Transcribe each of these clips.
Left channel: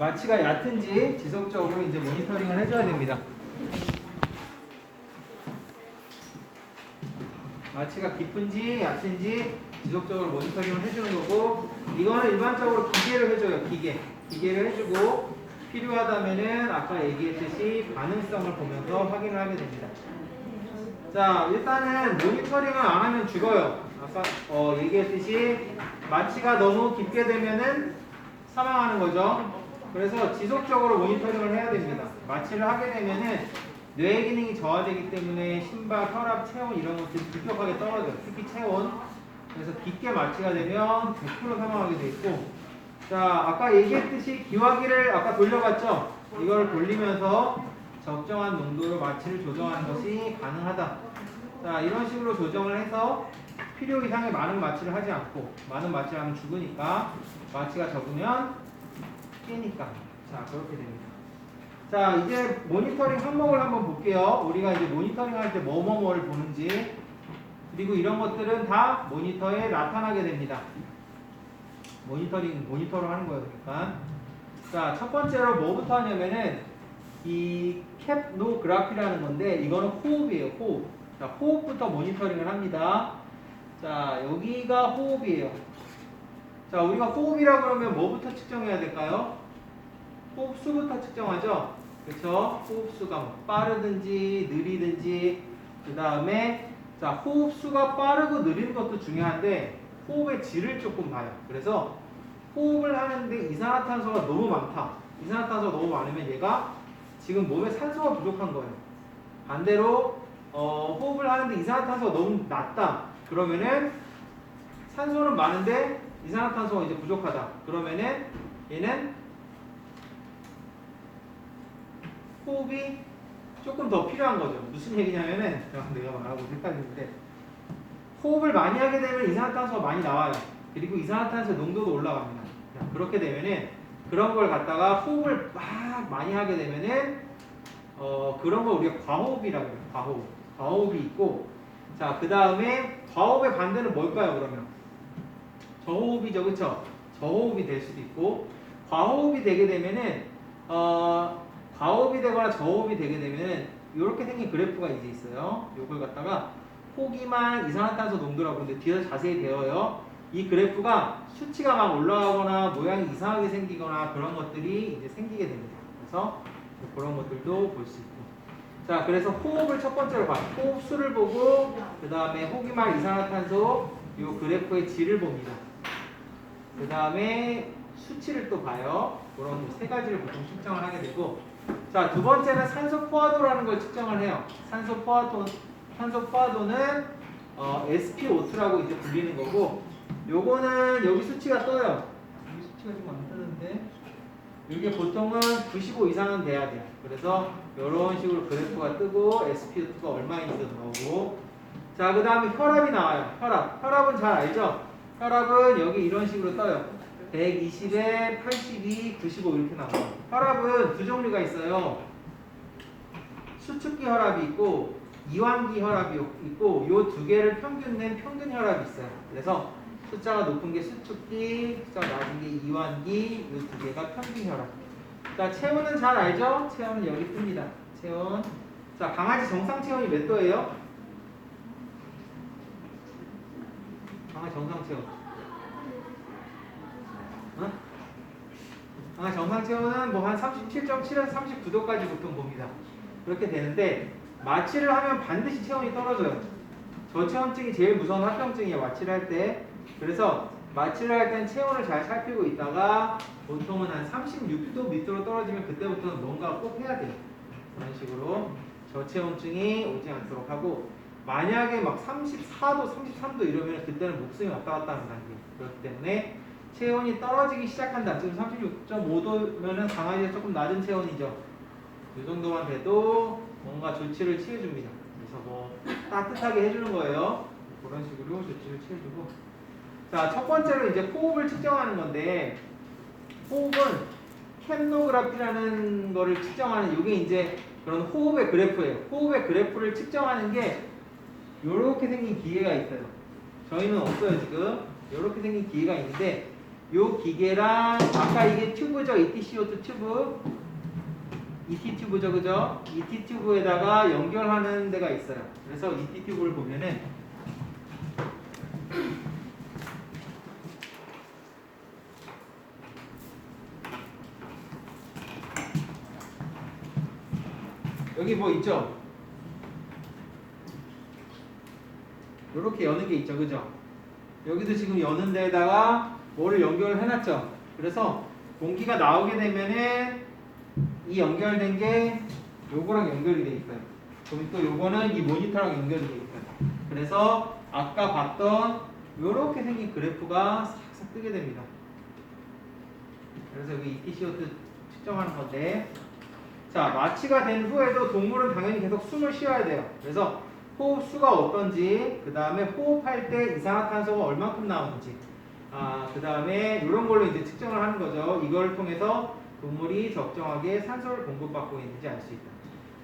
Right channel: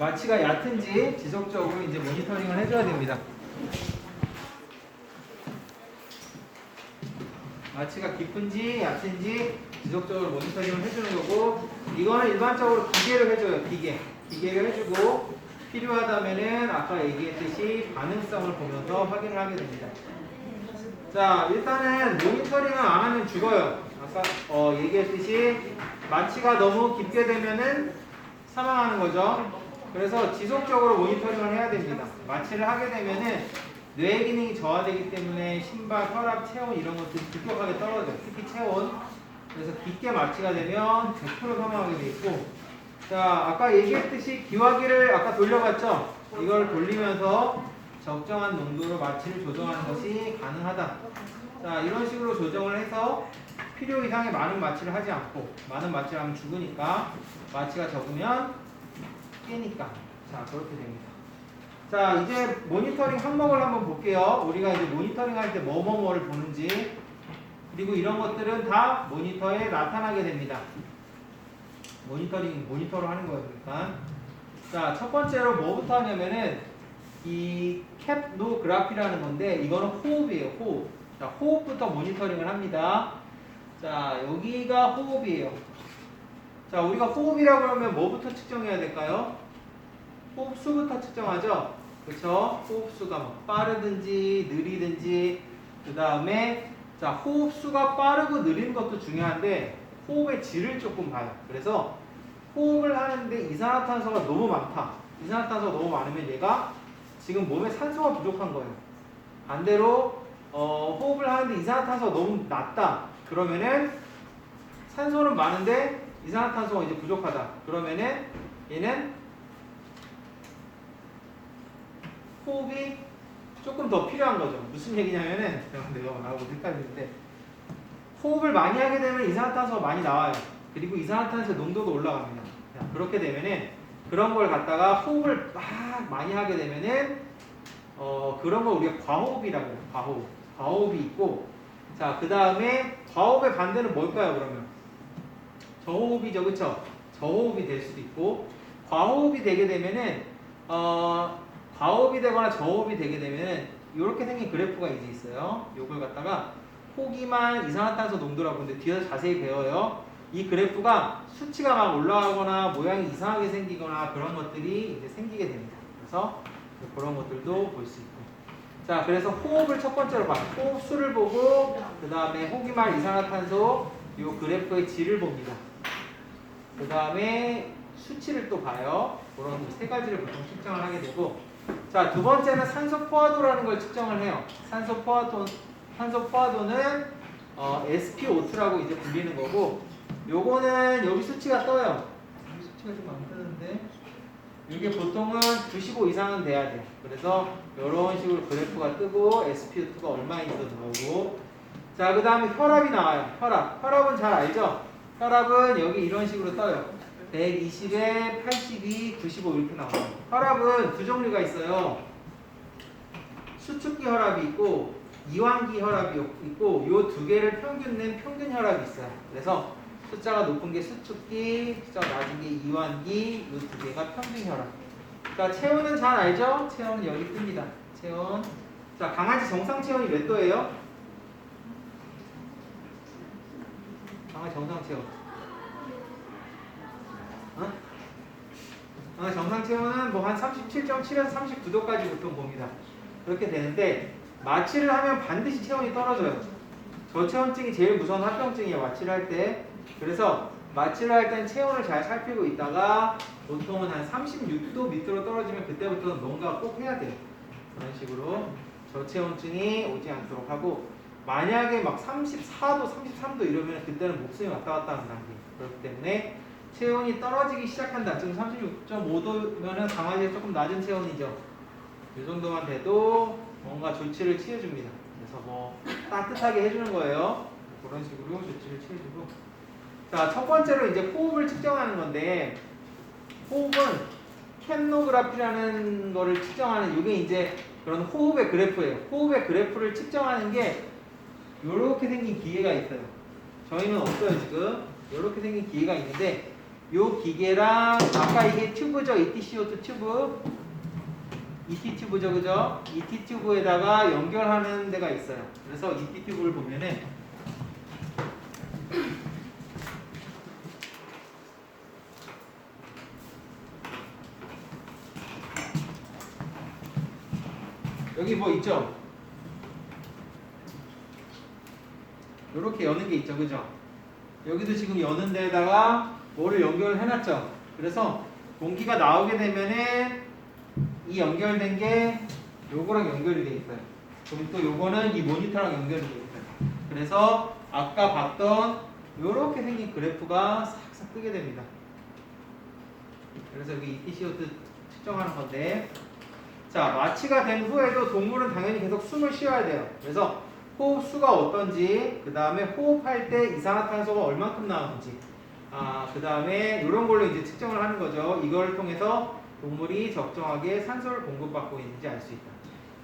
마취가 얕은지 지속적으로 이제 모니터링을 해줘야 됩니다. 마취가 깊은지 얕은지 지속적으로 모니터링을 해주는 거고, 이거는 일반적으로 기계를 해줘요. 기계를 해주고, 필요하다면은 아까 얘기했듯이 반응성을 보면서 확인을 하게 됩니다. 자, 일단은 모니터링을 안 하면 죽어요. 아까 얘기했듯이 마취가 너무 깊게 되면은 사망하는 거죠. 그래서 지속적으로 모니터링을 해야 됩니다. 마취를 하게 되면은 뇌 기능이 저하되기 때문에 심박, 혈압, 체온 이런 것들이 급격하게 떨어져요. 특히 체온. 그래서 깊게 마취가 되면 100% 사망하게 돼 있고, 자, 아까 얘기했듯이 기화기를 아까 돌려봤죠? 이걸 돌리면서 적정한 농도로 마취를 조정하는 것이 가능하다. 자, 이런 식으로 조정을 해서 필요 이상의 많은 마취를 하지 않고, 많은 마취를 하면 죽으니까, 마취가 적으면 깨니까. 자, 그렇게 됩니다. 자, 이제 모니터링 항목을 한번 볼게요. 우리가 이제 모니터링 할 때 뭐를 보는지, 그리고 이런 것들은 다 모니터에 나타나게 됩니다. 모니터로 하는 거예요. 그러니까. 자, 첫 번째로 뭐부터 하냐면은 이 캡노그래피라는 건데, 이거는 호흡이에요. 호흡. 자, 호흡부터 모니터링을 합니다. 자, 여기가 호흡이에요. 자, 우리가 호흡이라고 하면 뭐부터 측정해야 될까요? 호흡수부터 측정하죠. 그렇죠? 호흡수가 빠르든지 느리든지, 그 다음에 자, 호흡수가 빠르고 느린 것도 중요한데 호흡의 질을 조금 봐요. 그래서 호흡을 하는데 이산화탄소가 너무 많다. 이산화탄소가 너무 많으면 얘가 지금 몸에 산소가 부족한 거예요. 반대로 호흡을 하는데 이산화탄소가 너무 낮다. 그러면은 산소는 많은데 이산화탄소가 이제 부족하다. 그러면은 얘는 호흡이 조금 더 필요한 거죠. 무슨 얘기냐면은 내가 말하고 헷갈리는데, 호흡을 많이 하게 되면 이산화탄소가 많이 나와요. 그리고 이산화탄소 농도도 올라갑니다. 자, 그렇게 되면은 그런 걸 갖다가 호흡을 막 많이 하게 되면은 그런 걸 우리가 과호흡이라고 해요. 과호흡이 있고, 자, 그 다음에 과호흡의 반대는 뭘까요? 그러면 저호흡이죠, 그렇죠? 저호흡이 될 수도 있고, 과호흡이 되게 되면은 과호흡이 되거나 저호흡이 되게 되면 이렇게 생긴 그래프가 이제 있어요. 이걸 갖다가 호기만 이산화탄소 농도라고 하는데 뒤에서 자세히 배워요. 이 그래프가 수치가 막 올라가거나 모양이 이상하게 생기거나 그런 것들이 이제 생기게 됩니다. 그래서 그런 것들도 볼 수 있고. 자, 그래서 호흡을 첫 번째로 봐요. 호흡 수를 보고, 그 다음에 호기만 이산화탄소 이 그래프의 질을 봅니다. 그 다음에 수치를 또 봐요. 그런 세 가지를 보통 측정을 하게 되고, 자, 두 번째는 산소 포화도라는 걸 측정을 해요. 산소 포화도는 SpO2라고 이제 불리는 거고, 요거는 여기 수치가 떠요. 수치가 좀 안 뜨는데, 이게 보통은 95 이상은 돼야 돼요. 그래서 이런 식으로 그래프가 뜨고 SpO2가 얼마인지도 나오고, 자, 그 다음에 혈압이 나와요. 혈압은 잘 알죠? 혈압은 여기 이런 식으로 떠요. 120에 82, 95 이렇게 나와요. 혈압은 두 종류가 있어요. 수축기 혈압이 있고 이완기 혈압이 있고, 요 두 개를 평균 낸 평균 혈압이 있어요. 그래서 숫자가 높은 게 수축기, 숫자가 낮은 게 이완기, 요 두 개가 평균 혈압. 자, 체온은 잘 알죠? 체온은 여기 뜹니다. 체온. 자, 강아지 정상 체온이 몇 도예요? 강아지 정상 체온. 정상 체온은 뭐 한 37.7에서 39도까지 보통 봅니다. 그렇게 되는데 마취를 하면 반드시 체온이 떨어져요. 저체온증이 제일 무서운 합병증이에요. 마취를 할 때. 그래서 마취를 할 때는 체온을 잘 살피고 있다가 보통은 한 36도 밑으로 떨어지면 그때부터는 뭔가 꼭 해야 돼요. 그런 식으로 저체온증이 오지 않도록 하고, 만약에 막 34도, 33도 이러면 그때는 목숨이 왔다 갔다 하는 단계. 그렇기 때문에 체온이 떨어지기 시작한다. 지금 36.5도면은 강아지가 조금 낮은 체온이죠. 이 정도만 돼도 뭔가 조치를 취해줍니다. 그래서 뭐 따뜻하게 해주는 거예요. 그런 식으로 조치를 취해주고. 자, 첫 번째로 이제 호흡을 측정하는 건데, 호흡은 캡노그래피라는 거를 측정하는, 이게 이제 그런 호흡의 그래프예요. 호흡의 그래프를 측정하는 게 이렇게 생긴 기계가 있어요. 저희는 없어요, 지금. 이렇게 생긴 기계가 있는데, 요 기계랑 아까 이게 튜브죠. ETCO2 튜브. ET 튜브죠. 그죠? ET 튜브에다가 연결하는 데가 있어요. 그래서 ET 튜브를 보면은 여기 뭐 있죠? 요렇게 여는 게 있죠. 그죠? 여기도 지금 여는 데다가 뭐를 연결을 해놨죠. 그래서 공기가 나오게 되면은 이 연결된 게 요거랑 연결이 돼 있어요. 그럼 또 요거는 이 모니터랑 연결이 돼 있어요. 그래서 아까 봤던 요렇게 생긴 그래프가 싹싹 뜨게 됩니다. 그래서 여기 ETCO2 측정하는 건데, 자, 마취가 된 후에도 동물은 당연히 계속 숨을 쉬어야 돼요. 그래서 호흡수가 어떤지, 그 다음에 호흡할 때 이산화탄소가 얼마큼 나오는지, 그 다음에 이런 걸로 이제 측정을 하는 거죠. 이걸 통해서 동물이 적정하게 산소를 공급받고 있는지 알 수 있다.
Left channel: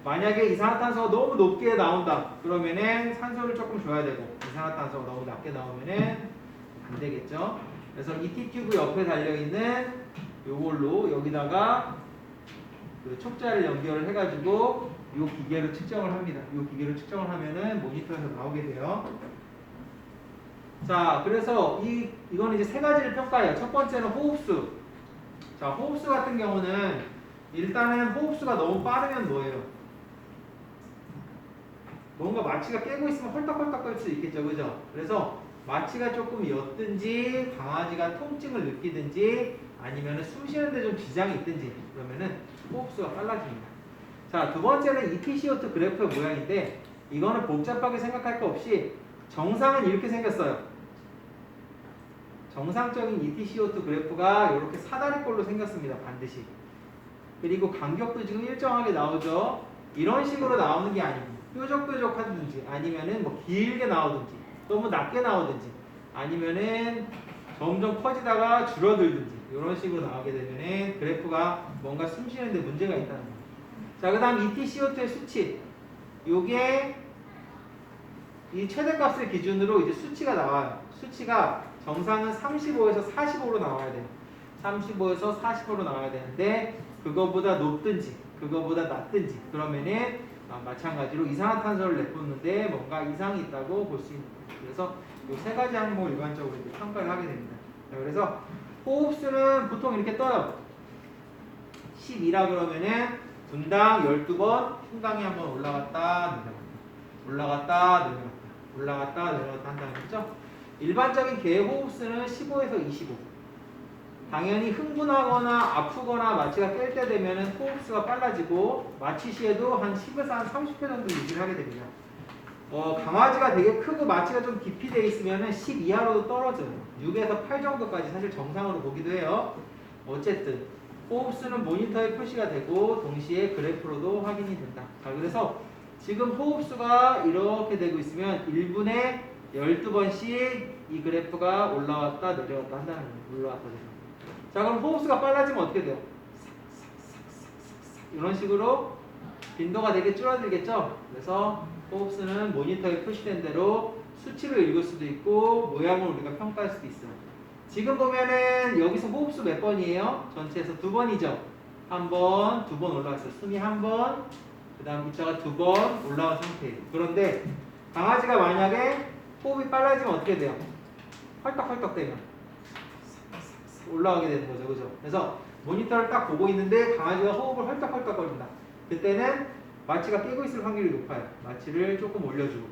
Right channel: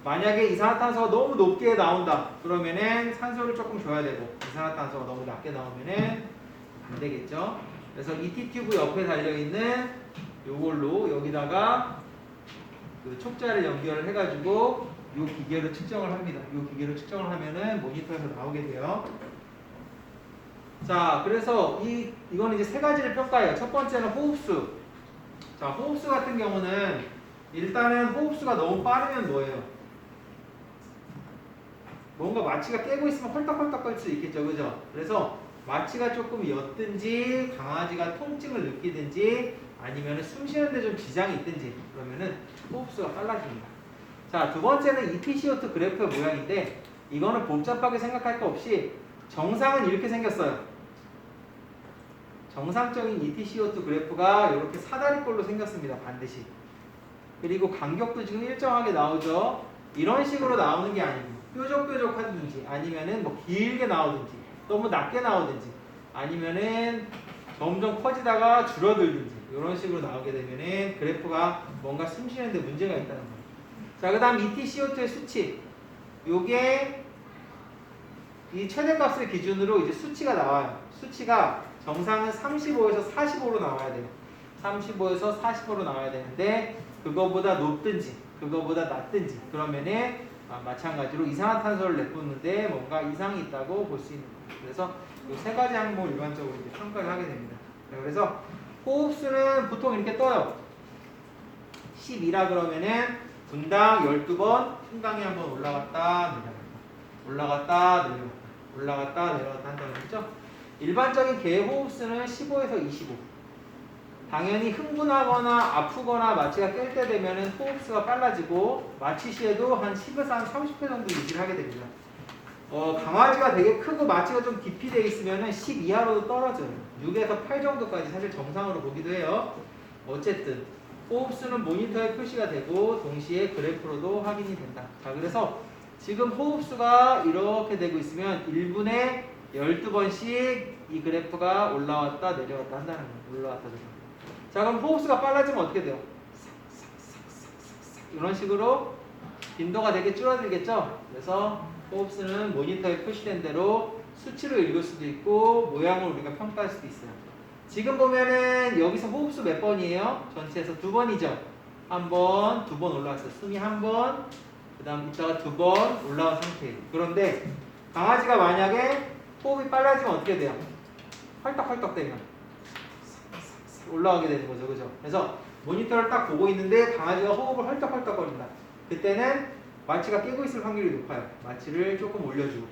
만약에 이산화탄소가 너무 높게 나온다, 그러면은 산소를 조금 줘야 되고, 이산화탄소가 너무 낮게 나오면은 안 되겠죠. 그래서 ET 튜브 옆에 달려있는 요걸로 여기다가 그 촉자를 연결을 해가지고 이 기계로 측정을 합니다. 이 기계로 측정을 하면은 모니터에서 나오게 돼요. 자, 그래서 이거는 이제 세 가지를 평가해요. 첫 번째는 호흡수. 자, 호흡수 같은 경우는 일단은 호흡수가 너무 빠르면 뭐예요? 뭔가 마취가 깨고 있으면 헐떡헐떡 거릴 수 있겠죠, 그죠? 그래서 마취가 조금 옅든지 강아지가 통증을 느끼든지 아니면 숨 쉬는데 좀 지장이 있든지 그러면은 호흡수가 빨라집니다. 자, 두 번째는 ETCO2 그래프의 모양인데 이거는 복잡하게 생각할 거 없이 정상은 이렇게 생겼어요. 정상적인 ETCO2 그래프가 이렇게 사다리꼴로 생겼습니다. 반드시. 그리고 간격도 지금 일정하게 나오죠. 이런 식으로 나오는 게 아닙니다. 뾰족뾰족하든지 아니면은 뭐 길게 나오든지 너무 낮게 나오든지 아니면은 점점 커지다가 줄어들든지 이런 식으로 나오게 되면은 그래프가 뭔가 숨 쉬는데 문제가 있다는 거예요. 자, 그 다음 ETCO2의 수치. 요게 이 최대값을 기준으로 이제 수치가 나와요. 수치가 정상은 35에서 45로 나와야 돼요. 35에서 45로 나와야 되는데 그거보다 높든지 그거보다 낮든지 그러면은 마찬가지로 이산화탄소를 내뿜는데 뭔가 이상이 있다고 볼 수 있는 거예요. 그래서 이 세 가지 항목을 일반적으로 이렇게 평가를 하게 됩니다. 그래서 호흡수는 보통 이렇게 떠요. 12라 그러면은 분당 12번 흉강이 한번 올라갔다 내려갔다 올라갔다 내려갔다 올라갔다 내려갔다 한다는 거죠. 일반적인 개 호흡수는 15에서 25. 당연히 흥분하거나 아프거나 마취가 깰 때 되면은 호흡수가 빨라지고 마취 시에도 한 10에서 한 30회 정도 유지를 하게 됩니다. 강아지가 되게 크고 마취가 좀 깊이 돼 있으면은 10 이하로도 떨어져요. 6에서 8 정도까지 사실 정상으로 보기도 해요. 어쨌든 호흡수는 모니터에 표시가 되고 동시에 그래프로도 확인이 된다. 자, 그래서 지금 호흡수가 이렇게 되고 있으면 1분에 12번씩 이 그래프가 올라왔다 내려왔다 한다는 거예요. 올라왔다 내려왔다. 자, 그럼 호흡수가 빨라지면 어떻게 돼요? 이런 식으로 빈도가 되게 줄어들겠죠? 그래서 호흡수는 모니터에 표시된 대로 수치로 읽을 수도 있고 모양을 우리가 평가할 수도 있어요. 지금 보면은 여기서 호흡수 몇 번이에요? 전체에서 2번이죠? 한 번, 2번 올라갔어요. 숨이 한 번, 그 다음 이따가 2번 올라온 상태예요. 그런데 강아지가 만약에 호흡이 빨라지면 어떻게 돼요? 헐떡헐떡 되면 올라가게 되는 거죠. 그죠? 그래서 모니터를 딱 보고 있는데 강아지가 호흡을 헐떡헐떡 거린다. 그때는 마취가 깨고 있을 확률이 높아요. 마취를 조금 올려주고.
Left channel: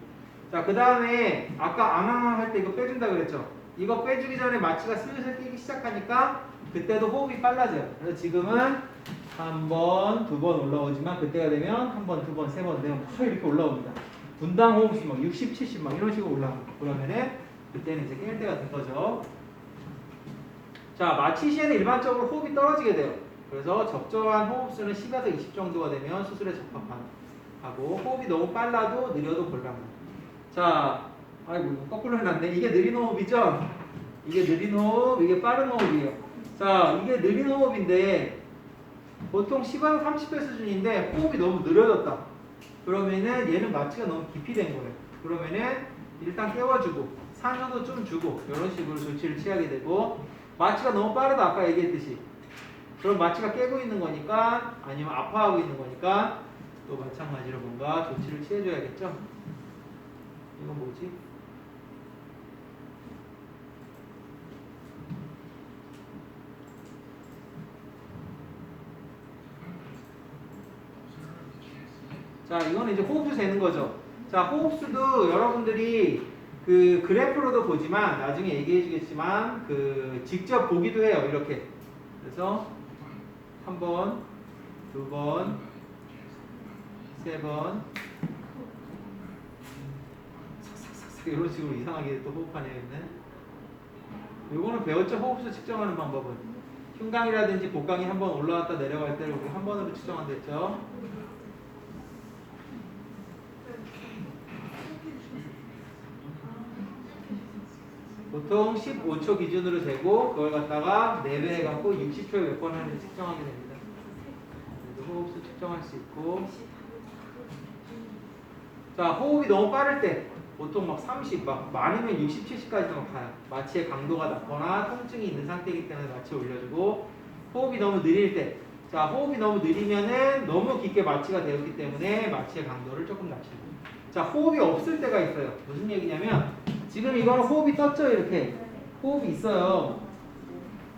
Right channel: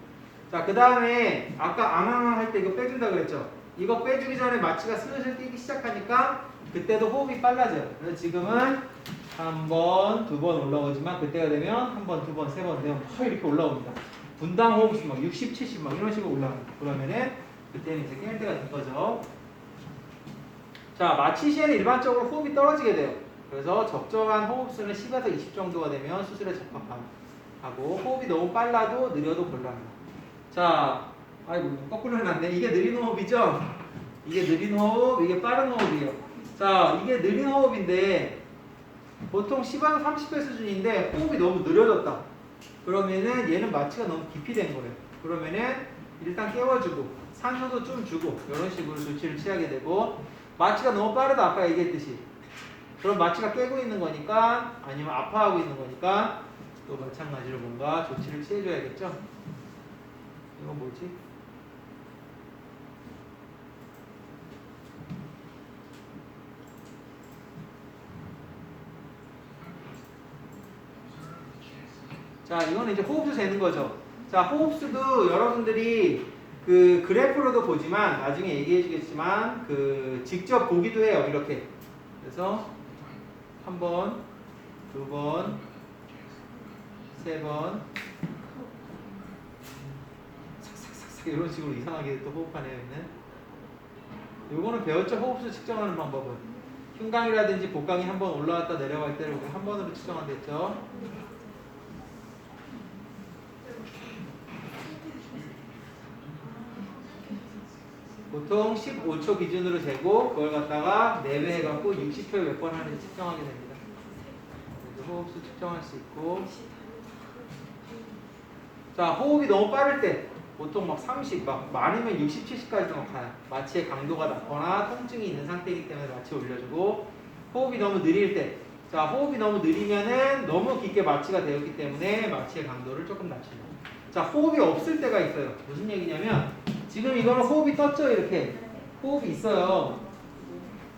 자, 그 다음에 아까 앙앙앙 할 때 이거 빼준다 그랬죠? 이거 빼주기 전에 마취가 슬슬 깨기 시작하니까 그때도 호흡이 빨라져요. 그래서 지금은 한 번, 2번 올라오지만 그때가 되면 한 번, 2번, 3번 되면 막 이렇게 올라옵니다. 분당 호흡수 막 60, 70 막 이런 식으로 올라갑니다. 그러면은 그때는 이제 깰 때가 된 거죠. 자, 마취 시에는 일반적으로 호흡이 떨어지게 돼요. 그래서 적정한 호흡수는 10에서 20 정도가 되면 수술에 적합하고 호흡이 너무 빨라도 느려도 곤란합니다. 자, 아이고 거꾸로 해놨네. 이게 느린 호흡이죠? 이게 느린 호흡, 이게 빠른 호흡이에요. 자, 이게 느린 호흡인데 보통 10에서 30배 수준인데 호흡이 너무 느려졌다. 그러면은 얘는 마취가 너무 깊이 된 거예요. 그러면은 일단 깨워주고 산소도 좀 주고 이런 식으로 조치를 취하게 되고 마취가 너무 빠르다 아까 얘기했듯이. 그럼 마취가 깨고 있는 거니까 아니면 아파하고 있는 거니까 또 마찬가지로 뭔가 조치를 취해줘야겠죠. 이건 뭐지? 자, 이거는 이제 호흡수 재는 거죠. 자, 호흡수도 여러분들이 그 그래프로도 보지만 나중에 얘기해 주겠지만 그 직접 보기도 해요. 이렇게. 그래서 한 번, 두 번, 세 번, 삭삭삭삭 이런 식으로 이상하게 또 호흡하네요. 있는. 요거는 배웠죠? 호흡수 측정하는 방법은. 흉강이라든지 복강이 한 번 올라왔다 내려갈 때를 우리 한 번으로 측정한다 했죠. 보통 15초 기준으로 재고 그걸 갖다가 4배 해갖고 60초에 몇 번 하는지 측정하게 됩니다. 호흡수 측정할 수 있고, 자, 호흡이 너무 빠를 때 보통 막 30, 막 많으면 60, 70까지도 가요. 마취의 강도가 낮거나 통증이 있는 상태이기 때문에 마취 올려주고, 호흡이 너무 느릴 때, 자, 호흡이 너무 느리면은 너무 깊게 마취가 되었기 때문에 마취의 강도를 조금 낮춘다. 자, 호흡이 없을 때가 있어요. 무슨 얘기냐면 지금 이거는 호흡이 떴죠. 이렇게 호흡이 있어요.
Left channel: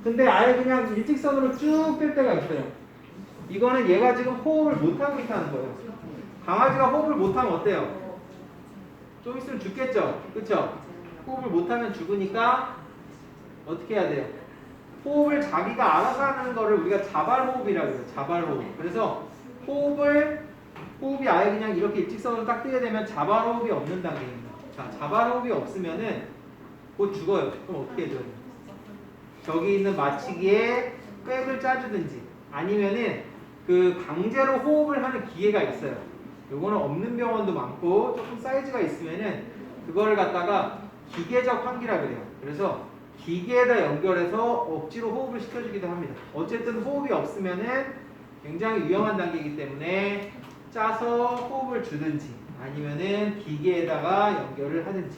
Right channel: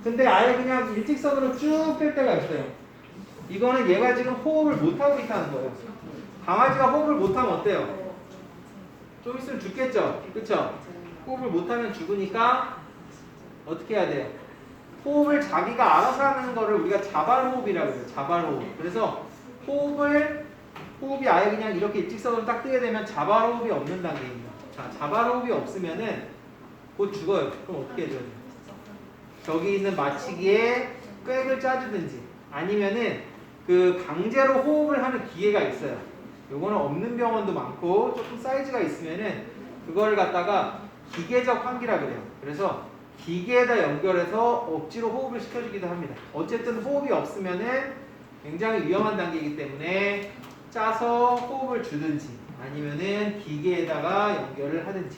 근데 아예 그냥 일직선으로 쭉 뺄 때가 있어요. 이거는 얘가 지금 호흡을 못하고 있다는 거예요. 강아지가 호흡을 못하면 어때요? 좀 있으면 죽겠죠? 그쵸? 호흡을 못하면 죽으니까 어떻게 해야 돼요? 호흡을 자기가 알아서 하는 거를 우리가 자발호흡이라고 해요. 자발호흡. 그래서 호흡이 아예 그냥 이렇게 일직선으로 딱 뜨게 되면 자발호흡이 없는 단계입니다. 자, 자발호흡이 없으면은 곧 죽어요. 그럼 어떻게 해야 돼요? 저기 있는 마취기에 꾀을 짜주든지 아니면은 그 강제로 호흡을 하는 기계가 있어요. 요거는 없는 병원도 많고 조금 사이즈가 있으면은 그걸 갖다가 기계적 환기라 그래요. 그래서 기계에다 연결해서 억지로 호흡을 시켜주기도 합니다. 어쨌든 호흡이 없으면은 굉장히 위험한 단계이기 때문에 짜서 호흡을 주든지 아니면은 기계에다가 연결을 하든지.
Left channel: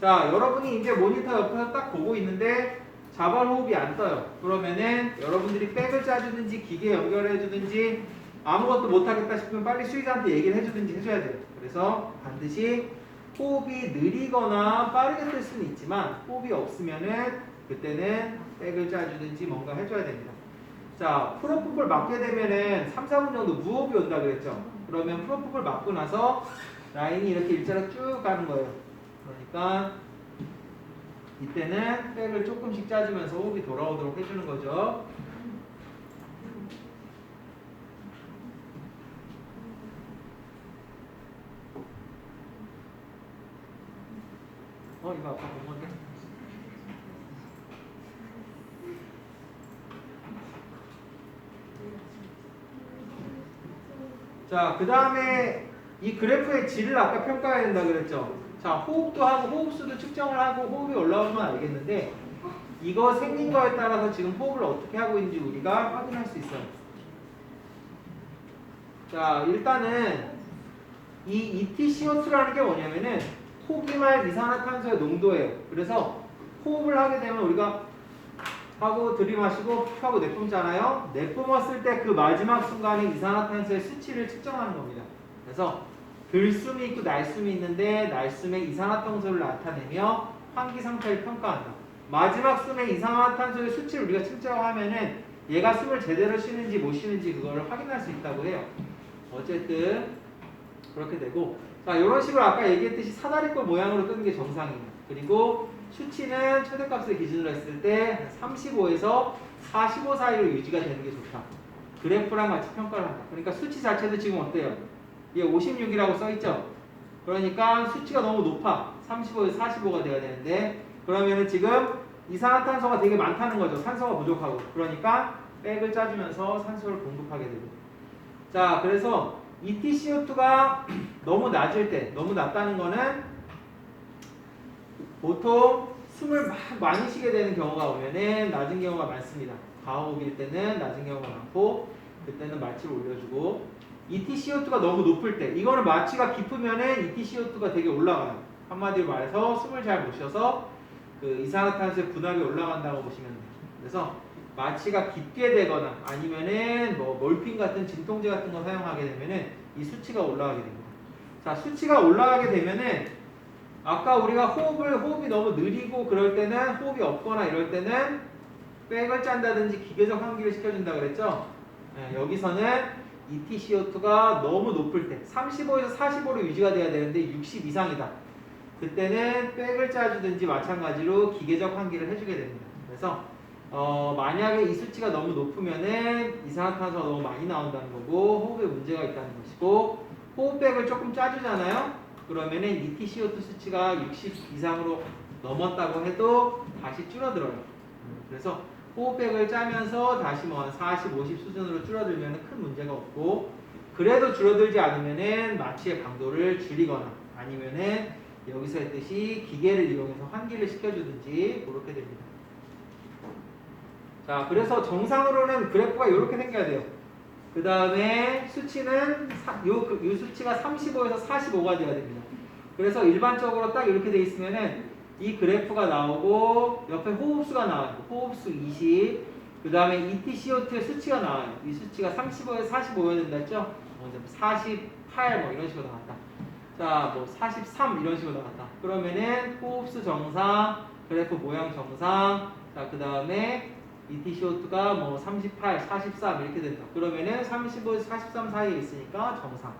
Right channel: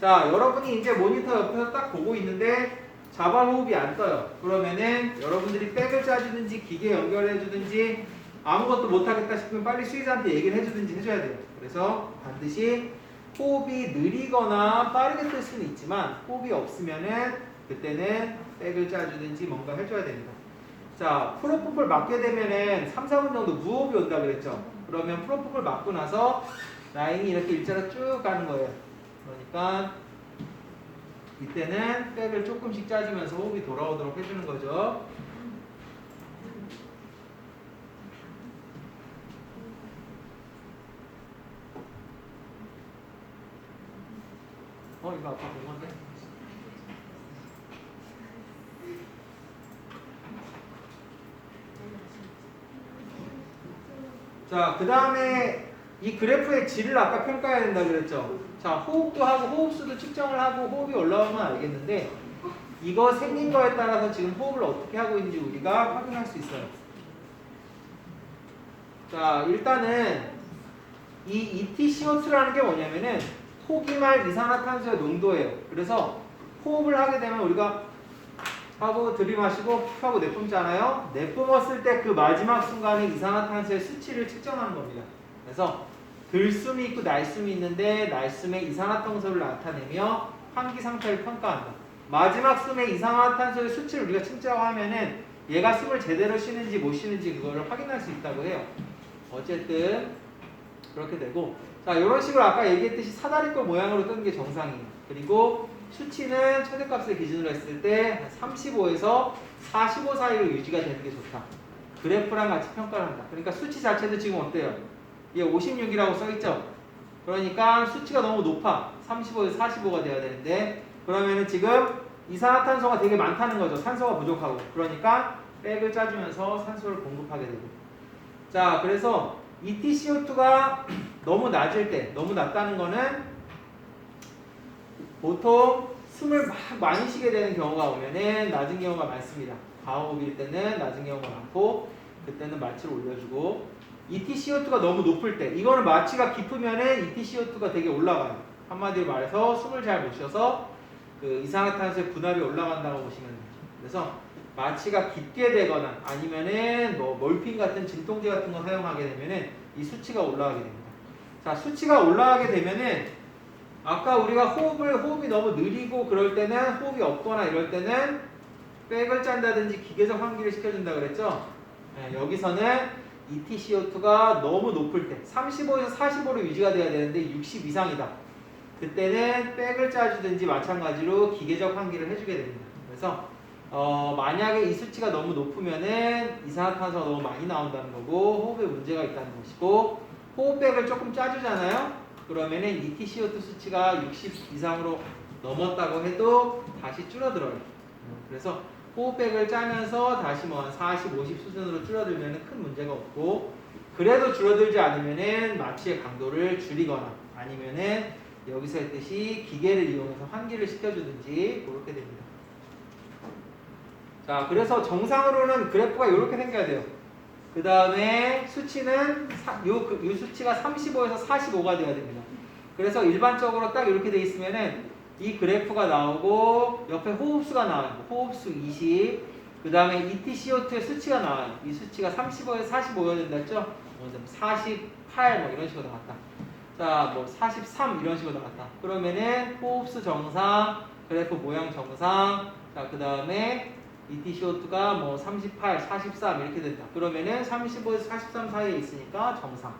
자, 여러분이 이제 모니터 옆에서 딱 보고 있는데 자발 호흡이 안 떠요. 그러면은 여러분들이 백을 짜주든지 기계 연결해주든지 아무것도 못하겠다 싶으면 빨리 수의사한테 얘기를 해주든지 해줘야 돼요. 그래서 반드시 호흡이 느리거나 빠르게 뜰 수는 있지만 호흡이 없으면은 그때는 백을 짜주든지 뭔가 해줘야 됩니다. 자, 프로포폴 맞게 되면은 3, 4분 정도 무호흡이 온다 그랬죠. 그러면 프로포폴 맞고 나서 라인이 이렇게 일자로 쭉 가는 거예요. 그러니까 이때는 백을 조금씩 짜주면서 호흡이 돌아오도록 해주는 거죠. 이거 아까 본 건데. 자, 그 다음에 이 그래프의 질을 아까 평가해야 된다 그랬죠. 자, 호흡도 하고 호흡수도 측정을 하고 호흡이 올라오면 알겠는데 이거 생긴 거에 따라서 지금 호흡을 어떻게 하고 있는지 우리가 확인할 수 있어요. 자, 일단은 이 EtCO2라는 게 뭐냐면은 호기말 이산화탄소의 농도예요. 그래서 호흡을 하게 되면 우리가 하고 들이마시고 하고 내뿜잖아요. 내뿜었을 때 그 마지막 순간에 이산화탄소의 수치를 측정하는 겁니다. 그래서 들숨이 있고 날숨이 있는데 날숨에 이산화탄소를 나타내며 환기 상태를 평가한다. 마지막 숨에 이산화탄소의 수치를 우리가 측정하면은 얘가 숨을 제대로 쉬는지 못 쉬는지 그거를 확인할 수 있다고 해요. 어쨌든 그렇게 되고, 자, 이런 식으로 아까 얘기했듯이 사다리꼴 모양으로 뜨는 게 정상이에요. 그리고 수치는 최대값을 기준으로 했을 때 35에서 45 사이로 유지가 되는 게 좋다. 그래프랑 같이 평가를 한다. 그러니까 수치 자체도 지금 어때요? 얘 56이라고 써있죠? 그러니까 수치가 너무 높아. 35에서 45가 돼야 되는데 그러면은 지금 이산화탄소가 되게 많다는 거죠. 산소가 부족하고. 그러니까 백을 짜주면서 산소를 공급하게 되고. 자, 그래서 EtCO2가 너무 낮을 때, 너무 낮다는 거는 보통 숨을 막 많이 쉬게 되는 경우가 오면은 낮은 경우가 많습니다. 과호흡일 때는 낮은 경우가 많고 그때는 마취를 올려주고, EtCO2가 너무 높을 때, 이거는 마취가 깊으면은 EtCO2가 되게 올라가요. 한마디로 말해서 숨을 잘 못 쉬어서 그 이산화탄소의 분압이 올라간다고 보시면 돼요. 그래서 마취가 깊게 되거나 아니면은 뭐 몰핀 같은 진통제 같은 거 사용하게 되면은 이 수치가 올라가게 됩니다. 자, 수치가 올라가게 되면은 아까 우리가 호흡이 너무 느리고 그럴 때는 호흡이 없거나 이럴 때는 백을 짠다든지 기계적 환기를 시켜준다 그랬죠? 네, 여기서는 EtCO2가 너무 높을 때 35에서 45로 유지가 돼야 되는데 60 이상이다. 그때는 백을 짜주든지 마찬가지로 기계적 환기를 해주게 됩니다. 그래서 만약에 이 수치가 너무 높으면은 이산화탄소가 너무 많이 나온다는 거고 호흡에 문제가 있다는 것이고 호흡백을 조금 짜주잖아요. 그러면은 EtCO2 수치가 60 이상으로 넘었다고 해도 다시 줄어들어요. 그래서 호흡백을 짜면서 다시 뭐 한 40, 50 수준으로 줄어들면 큰 문제가 없고 그래도 줄어들지 않으면은 마취의 강도를 줄이거나 아니면은 여기서 했듯이 기계를 이용해서 환기를 시켜주든지 그렇게 됩니다. 자, 그래서 정상으로는 그래프가 이렇게 생겨야 돼요. 그 다음에 수치는 요 수치가 35에서 45가 돼야 됩니다. 그래서 일반적으로 딱 이렇게 돼 있으면은 이 그래프가 나오고 옆에 호흡수가 나와요. 호흡수 20. 그 다음에 EtCO2의 수치가 나와요. 이 수치가 35에서 45여야 된다 했죠? 48 뭐 이런 식으로 나왔다. 자, 뭐 43 이런 식으로 나왔다. 그러면은 호흡수 정상, 그래프 모양 정상. 자, 그 다음에 EtCO2가 뭐 38, 43 이렇게 된다. 그러면은 35에서 43 사이에 있으니까 정상.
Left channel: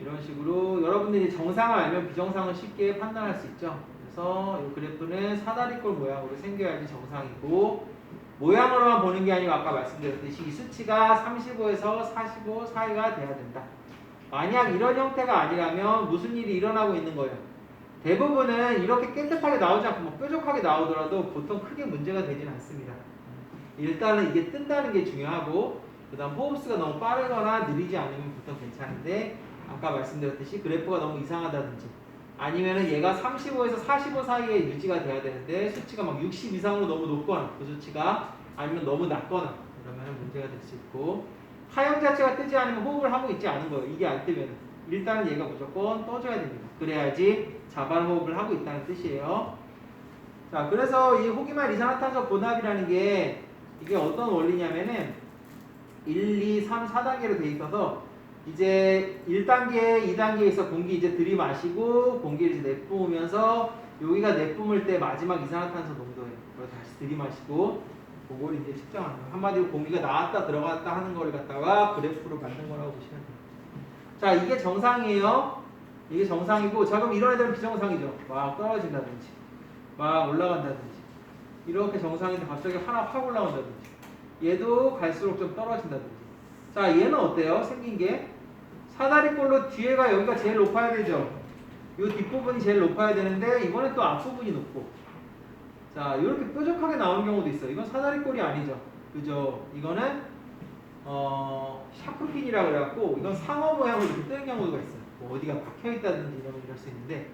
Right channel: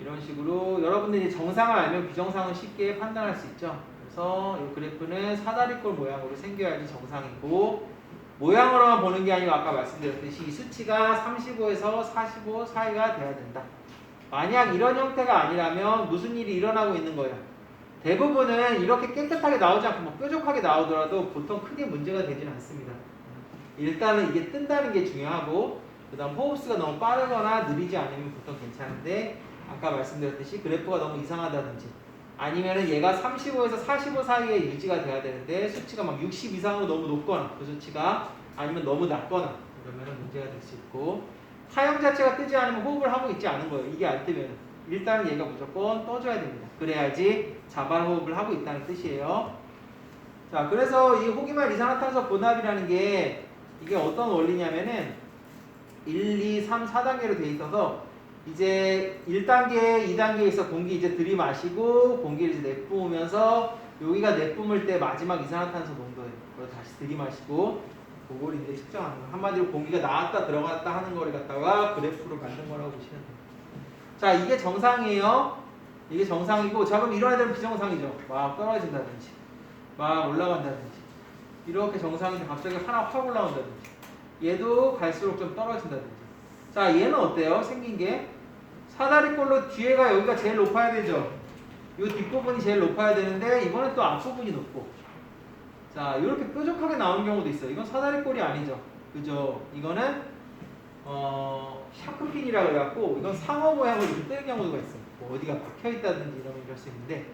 이런 식으로 여러분들이 정상을 알면 비정상을 쉽게 판단할 수 있죠. 그래서 이 그래프는 사다리꼴 모양으로 생겨야지 정상이고 모양으로만 보는 게 아니고 아까 말씀드렸듯이 이 수치가 35에서 45 사이가 돼야 된다. 만약 이런 형태가 아니라면 무슨 일이 일어나고 있는 거예요? 대부분은 이렇게 깨끗하게 나오지 않고 뭐 뾰족하게 나오더라도 보통 크게 문제가 되지는 않습니다. 일단은 이게 뜬다는 게 중요하고 그 다음 호흡수가 너무 빠르거나 느리지 않으면 보통 괜찮은데 아까 말씀드렸듯이 그래프가 너무 이상하다든지 아니면은 얘가 35에서 45 사이에 유지가 돼야 되는데 수치가 막 60 이상으로 너무 높거나 그 수치가 아니면 너무 낮거나 그러면은 문제가 될 수 있고 하형 자체가 뜨지 않으면 호흡을 하고 있지 않은 거예요. 이게 안 뜨면 일단은 얘가 무조건 떠줘야 됩니다. 그래야지 자발 호흡을 하고 있다는 뜻이에요. 자, 그래서 이 호기만 이산화탄소 혼합이라는 게 이게 어떤 원리냐면은 1, 2, 3, 4단계로 돼 있어서 이제 1단계, 2단계에서 공기 이제 들이마시고 공기를 이제 내뿜으면서 여기가 내뿜을 때 마지막 이산화탄소 농도예요. 그걸 다시 들이마시고 그걸 이제 측정하는 거예요. 한마디로 공기가 나왔다 들어갔다 하는 거를 갖다가 그래프로 만든 거라고 보시면 돼요. 자, 이게 정상이에요. 이게 정상이고 자 그럼 이런 애들은 비정상이죠. 막 떨어진다든지 막 올라간다든지 이렇게 정상인데 갑자기 하나 확 올라온다든지 얘도 갈수록 좀 떨어진다든지 자, 얘는 어때요? 생긴 게 사다리꼴로 뒤에가 여기가 제일 높아야 되죠. 이 뒷부분이 제일 높아야 되는데 이번엔 또 앞부분이 높고 자, 이렇게 뾰족하게 나오는 경우도 있어요. 이건 사다리꼴이 아니죠. 그죠? 이거는 샤크핀이라 그래갖고 이건 상어 모양으로 이렇게 뜨는 경우가 있어요. 뭐 어디가 박혀있다든지 이러면 이럴 수 있는데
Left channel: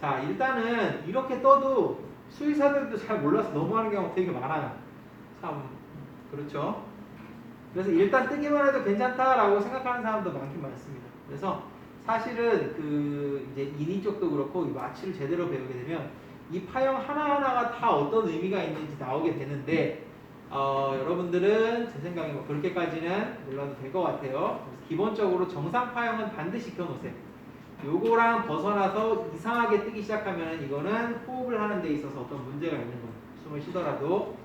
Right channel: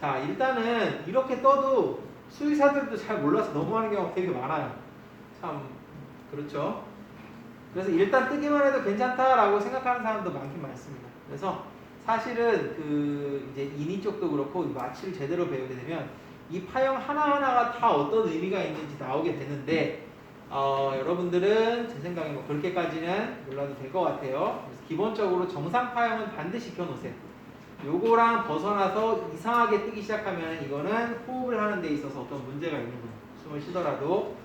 자, 일단은 이렇게 떠도 수의사들도 잘 몰라서 넘어가는 경우가 되게 많아요. 참 그렇죠. 그래서 일단 뜨기만 해도 괜찮다라고 생각하는 사람도 많긴 많습니다. 그래서 사실은 그 이제 인인 쪽도 그렇고 이 마취를 제대로 배우게 되면 이 파형 하나하나가 다 어떤 의미가 있는지 나오게 되는데 여러분들은 제 생각에 뭐 그렇게까지는 몰라도 될 것 같아요. 그래서 기본적으로 정상 파형은 반드시 익혀놓으세요. 요거랑 벗어나서 이상하게 뜨기 시작하면 이거는 호흡을 하는 데 있어서 어떤 문제가 있는 거예요. 숨을 쉬더라도.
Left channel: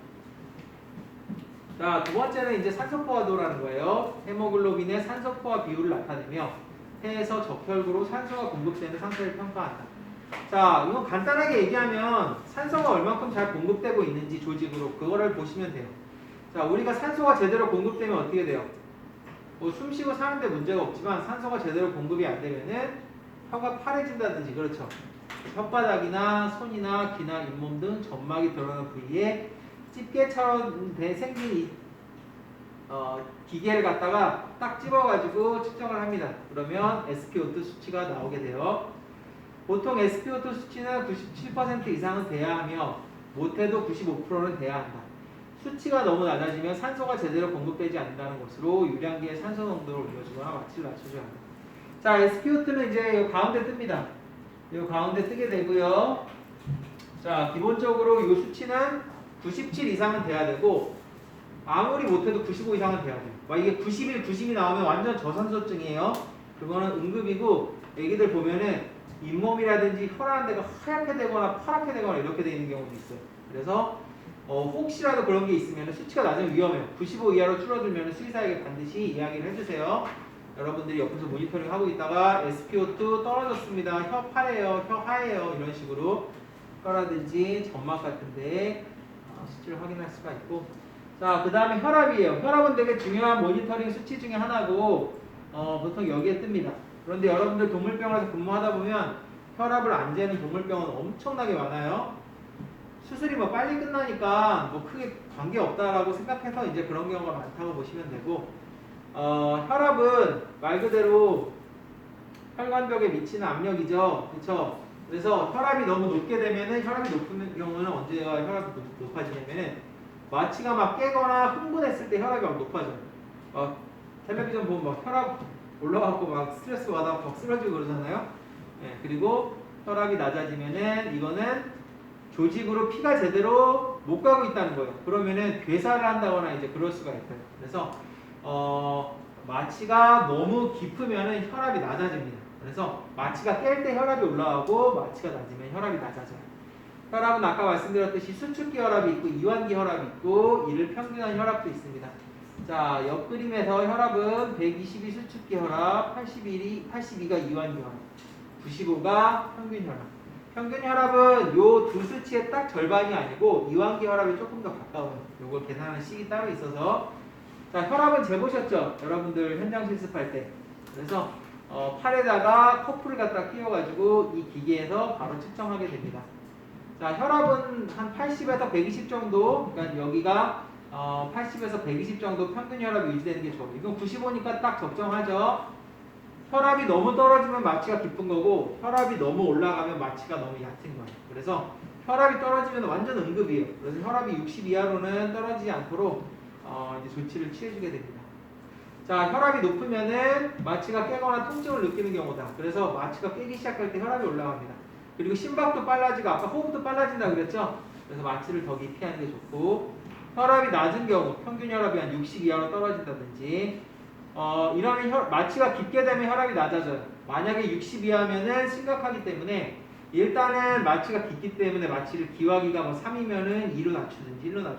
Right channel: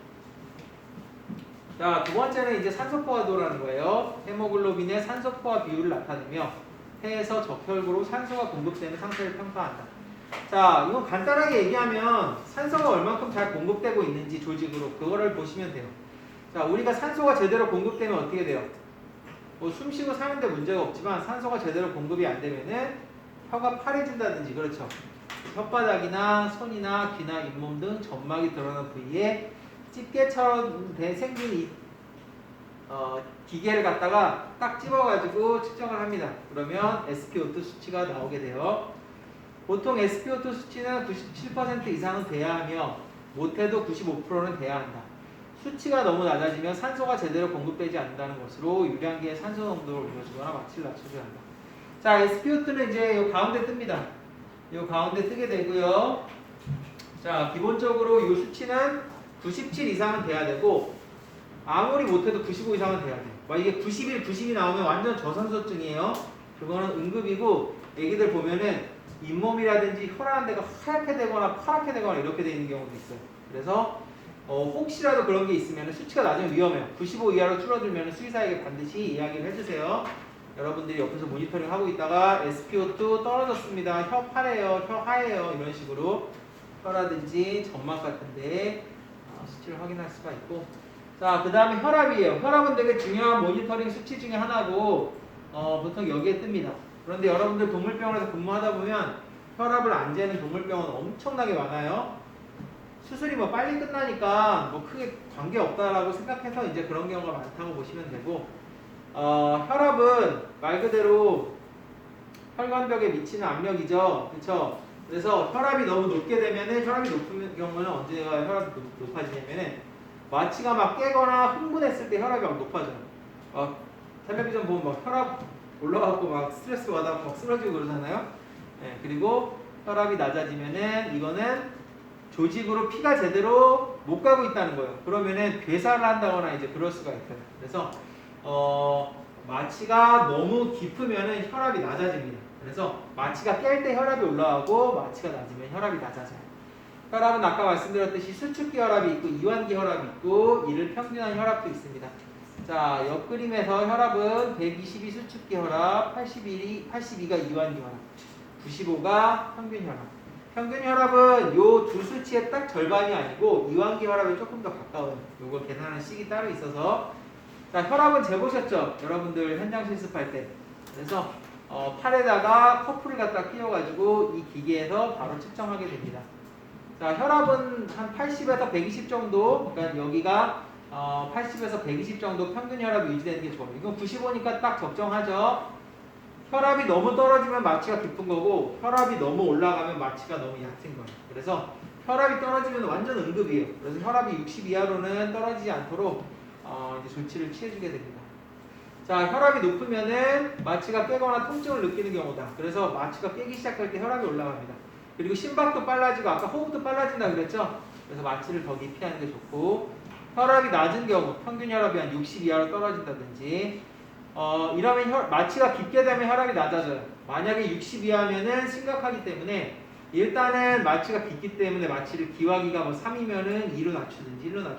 자, 두 번째는 이제 산소포화도라는 거예요. 헤모글로빈의 산소포화 비율을 나타내며 폐에서 적혈구로 산소가 공급되는 상태를 평가한다. 자, 이건 간단하게 얘기하면 산소가 얼만큼 잘 공급되고 있는지 조직으로 그거를 보시면 돼요. 자, 우리가 산소가 제대로 공급되면 어떻게 돼요? 뭐 숨쉬고 사는데 문제가 없지만 산소가 제대로 공급이 안 되면은 혀가 파래진다든지 그렇죠. 혓바닥이나 손이나 귀나 잇몸 등 점막이 드러나는 부위에 집게처럼 생긴 이 기계를 갖다가 딱 집어가지고 측정을 합니다. 그러면 SpO2 수치가 나오게 돼요. 보통 SpO2 수치는 97% 이상은 돼야 하며 못해도 95%는 돼야 한다. 수치가 너무 낮아지면 산소가 제대로 공급되지 않는다는 것으로 유량기의 산소 농도를 올려주거나 마취를 낮춰줘야 한다. 자, SpO2는 이제 이 가운데 뜹니다. 이 가운데 뜨게 되고요. 자, 기본적으로 이 수치는 97 이상은 돼야 되고 아무리 못해도 95 이상은 돼야 돼요. 막 이게 91, 90이 나오면 완전 저산소증이에요. 그거는 응급이고 애기들 보면은 잇몸이라든지 혈관 데가 하얗게 되거나 파랗게 되거나 이렇게 되어 있는 경우도 있어요. 그래서 혹시라도 그런 게 있으면 수치가 낮으면 위험해요. 95 이하로 줄어들면 수의사에게 반드시 이야기를 해주세요. 여러분들이 옆에서 모니터링 하고 있다가 SpO2 떨어졌습니다. 혀 파래요, 혀 하얘요 이런 식으로 혀라든지 점막 같은데 수치를 확인할 수가 있고 자, 그 다음에 혈압이에요. 혈압은 되게 중요한 모니터링 수치 중에 하나고 보통 여기에 뜹니다. 그런데 여러분들 동물병원에서 근무하다 보면 혈압을 안 재는 동물병원 엄청나게 많아요. 수술이 뭐 빨리 끝나니까 뭐 크게 관계없다라고 생각해서 이제 그런 경우가 많다고 보시면 되고 혈압은 말 그대로 혈관벽에 미치는 압력이죠. 그렇죠? 그래서 혈압이 너무 높게 되면은 혈압이 높은 경우는 언제가 혈압이 높아지냐면은 마취가 막 깨거나 흥분했을 때 혈압이 막 높아져요. 텔레비전 보면 막 혈압 올라가고 막 스트레스 받아 막 쓰러지고 그러잖아요. 네, 그리고 혈압이 낮아지면은 이거는 조직으로 피가 제대로 못 가고 있다는 거예요. 그러면은 괴사를 한다거나 이제 그럴 수가 있어요. 그래서 마취가 너무 깊으면은 혈압이 낮아집니다. 그래서 마취가 깰 때 혈압이 올라가고 마취가 낮으면 혈압이 낮아져요. 혈압은 아까 말씀드렸듯이 수축기 혈압이 있고 이완기 혈압이 있고 이를 평균한 혈압도 있습니다. 자, 옆그림에서 혈압은 122 수축기 혈압, 82가 이완기 혈압, 95가 평균 혈압. 평균 혈압은 요 두 수치의 딱 절반이 아니고 이완기 혈압에 조금 더 가까워요. 요걸 계산하는 식이 따로 있어서 자, 혈압은 재보셨죠? 여러분들 현장 실습할 때. 그래서 팔에다가 커플을 갖다 끼워가지고 이 기계에서 바로 측정하게 됩니다. 자, 혈압은 한 80에서 120 정도, 그러니까 여기가 80에서 120 정도 평균 혈압이 유지되는 게 좋아요. 이건 95니까 딱 적정하죠. 혈압이 너무 떨어지면 마취가 깊은 거고 혈압이 너무 올라가면 마취가 너무 얕은 거예요. 그래서 혈압이 떨어지면 완전 응급이에요. 그래서 혈압이 60 이하로는 떨어지지 않도록 이제 조치를 취해주게 됩니다. 자, 혈압이 높으면은 마취가 깨거나 통증을 느끼는 경우다. 그래서 마취가 깨기 시작할 때 혈압이 올라갑니다. 그리고 심박도 빨라지고 아까 호흡도 빨라진다 그랬죠? 그래서 마취를 더 깊이 하는 게 좋고 혈압이 낮은 경우 평균 혈압이 한 60 이하로 떨어진다든지 이러면 마취가 깊게 되면 혈압이 낮아져요. 만약에 60 이하면은 심각하기 때문에 일단은 마취가 깊기 때문에 마취를 기화기가 뭐 3이면은 2로 낮추든지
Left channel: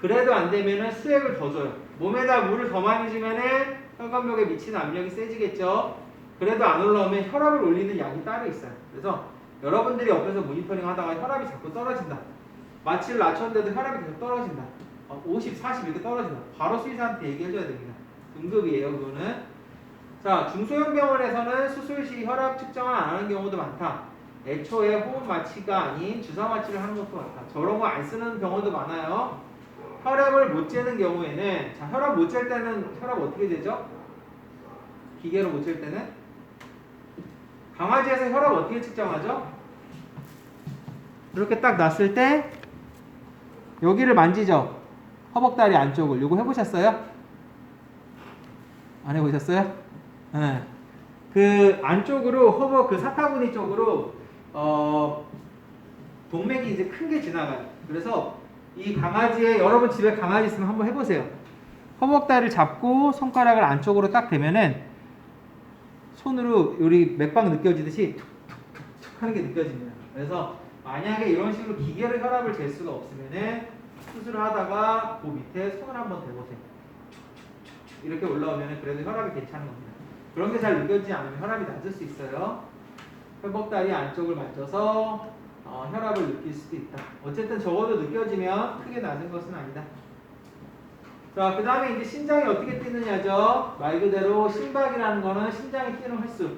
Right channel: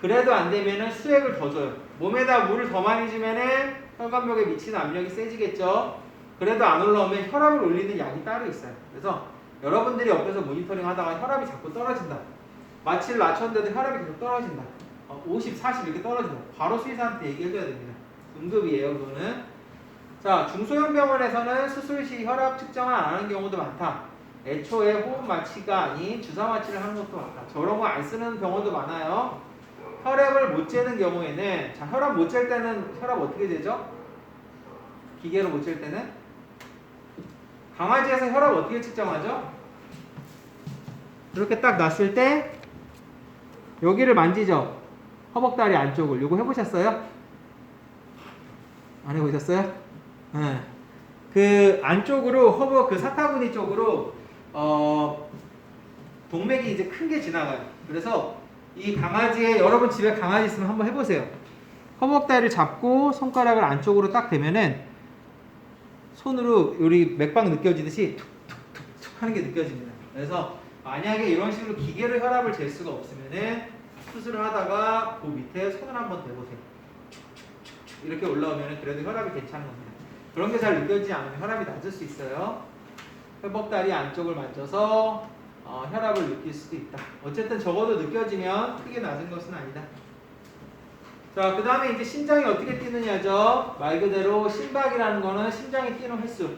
그래도 안 되면은 수액을 더 줘요. 몸에다 물을 더 많이 주면은 혈관벽에 미치는 압력이 세지겠죠. 그래도 안 올라오면 혈압을 올리는 약이 따로 있어요. 그래서 여러분들이 옆에서 모니터링 하다가 혈압이 자꾸 떨어진다. 마취를 낮췄는데도 혈압이 계속 떨어진다. 50, 40 이렇게 떨어진다. 바로 수의사한테 얘기해줘야 됩니다. 응급이에요, 그거는. 자, 중소형 병원에서는 수술 시 혈압 측정을 안 하는 경우도 많다. 애초에 호흡 마취가 아닌 주사 마취를 하는 것도 많다. 저런 거 안 쓰는 경우도 많아요. 혈압을 못 재는 경우에는 자, 혈압 못 잴 때는 혈압 어떻게 재죠? 기계로 못 잴 때는 강아지에서 혈압 어떻게 측정하죠? 이렇게 딱 놨을 때 여기를 만지죠? 허벅다리 안쪽을. 요거 해보셨어요? 안 해보셨어요? 네. 그 안쪽으로 허벅 그 사타구니 쪽으로 동맥이 이제 큰 게 지나가요. 그래서 이 강아지의 여러분 집에 강아지 있으면 한번 해보세요. 허벅다리를 잡고 손가락을 안쪽으로 딱 대면은 손으로 우리 맥박 느껴지듯이 툭툭툭툭 하는 게 느껴집니다. 그래서 만약에 이런 식으로 기계로 혈압을 잴 수가 없으면은 수술을 하다가 그 밑에 손을 한번 대보세요. 축축축축 이렇게 올라오면은 그래도 혈압이 괜찮은 겁니다. 그런 게 잘 느껴지지 않으면 혈압이 낮을 수 있어요. 허벅다리 안쪽을 만져서 혈압을 느낄 수도 있다. 어쨌든 적어도 느껴지면 크게 낮은 것은 아니다. 자, 그 다음에 이제 심장이 어떻게 뛰느냐죠. 말 그대로 심박이라는 거는 심장이 뛰는 횟수.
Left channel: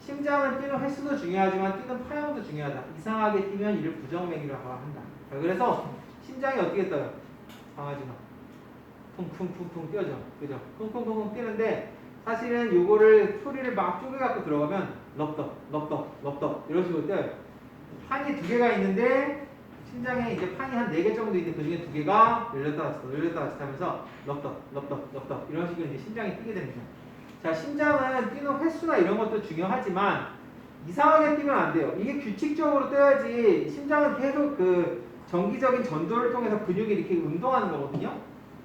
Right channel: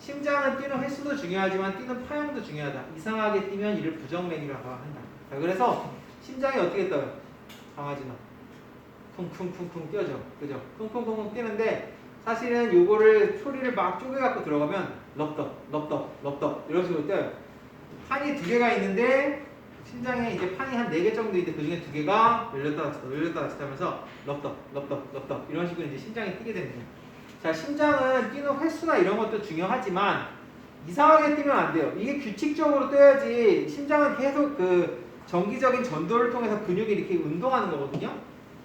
심장은 뛰는 횟수도 중요하지만 뛰는 파형도 중요하다. 이상하게 뛰면 이를 부정맥이라고 한다. 자, 그래서 심장이 어떻게 떠요? 강아지는 쿵쿵쿵쿵 뛰어져. 그죠? 쿵쿵쿵쿵 뛰는데 사실은 요거를 소리를 막 쪼개갖고 들어가면 럽덕 이런 식으로 뛰어요. 판이 두 개가 있는데 심장에 이제 판이 한 4개 정도 있는데 그 중에 2개가 열렸다 닫혔다 하면서 럽덕 이런 식으로 이제 심장이 뛰게 됩니다. 자, 심장은 뛰는 횟수나 이런 것도 중요하지만 이상하게 뛰면 안 돼요. 이게 규칙적으로 뛰어야지. 심장은 계속 그 정기적인 전도를 통해서 근육이 이렇게 운동하는 거거든요.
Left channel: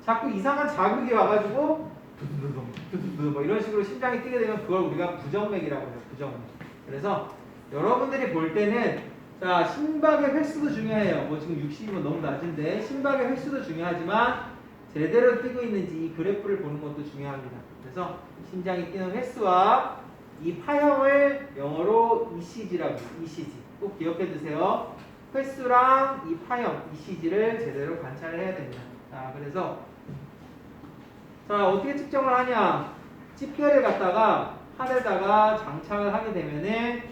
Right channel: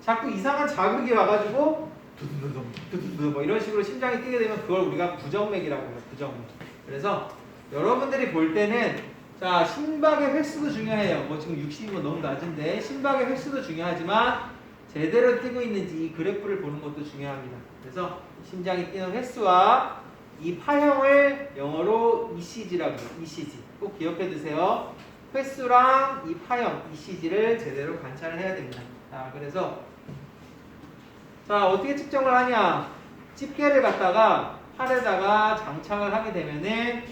자꾸 이상한 자극이 와가지고 두두두둥 두두두둥 뭐 이런 식으로 심장이 뛰게 되면 그걸 우리가 부정맥이라고 해요. 부정맥. 그래서 여러분들이 볼 때는 자 심박의 횟수도 중요해요. 뭐 지금 60이면 너무 낮은데 심박의 횟수도 중요하지만 제대로 뛰고 있는지 이 그래프를 보는 것도 중요합니다. 그래서 심장이 뛰는 횟수와 이 파형을 영어로 ECG라고 해요. ECG 꼭 기억해 두세요. 횟수랑 이 파형 ECG를 제대로 관찰을 해야 됩니다. 자, 그래서 자 어떻게 측정을 하냐? 집게를 갖다가 팔에다가 장착을 하게 되면은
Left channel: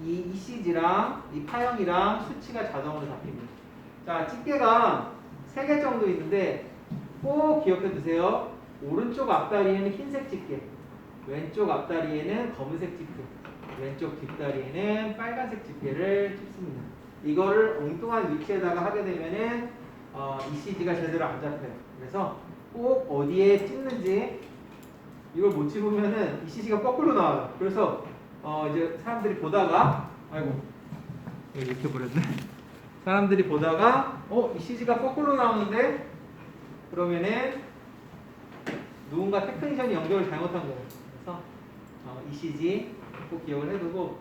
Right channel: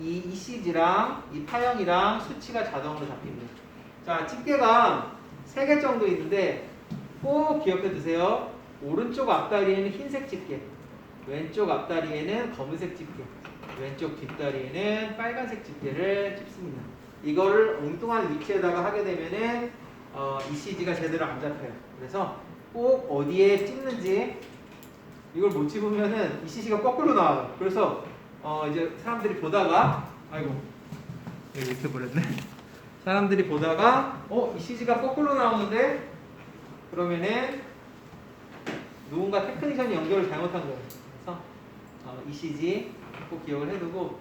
이 ECG랑 이 파형이랑 수치가 자동으로 잡힙니다. 자, 집게가 3개 정도 있는데 꼭 기억해 두세요. 오른쪽 앞다리에는 흰색 집게, 왼쪽 앞다리에는 검은색 집게, 왼쪽 뒷다리에는 빨간색 집게를 찝습니다. 이거를 엉뚱한 위치에다가 하게 되면은 ECG가 제대로 안 잡혀요. 그래서 꼭 어디에 찍는지 이걸 못 찍으면은 ECG가 거꾸로 나와요. 그래서 이제 사람들이 보다가 아이고 이렇게 버렸네. 사람들이 보다가 ECG가 거꾸로 나오는데 그러면은 누군가 테크니션이 연결을 잘못한 거예요. 그래서 ECG 꼭 기억을 해두고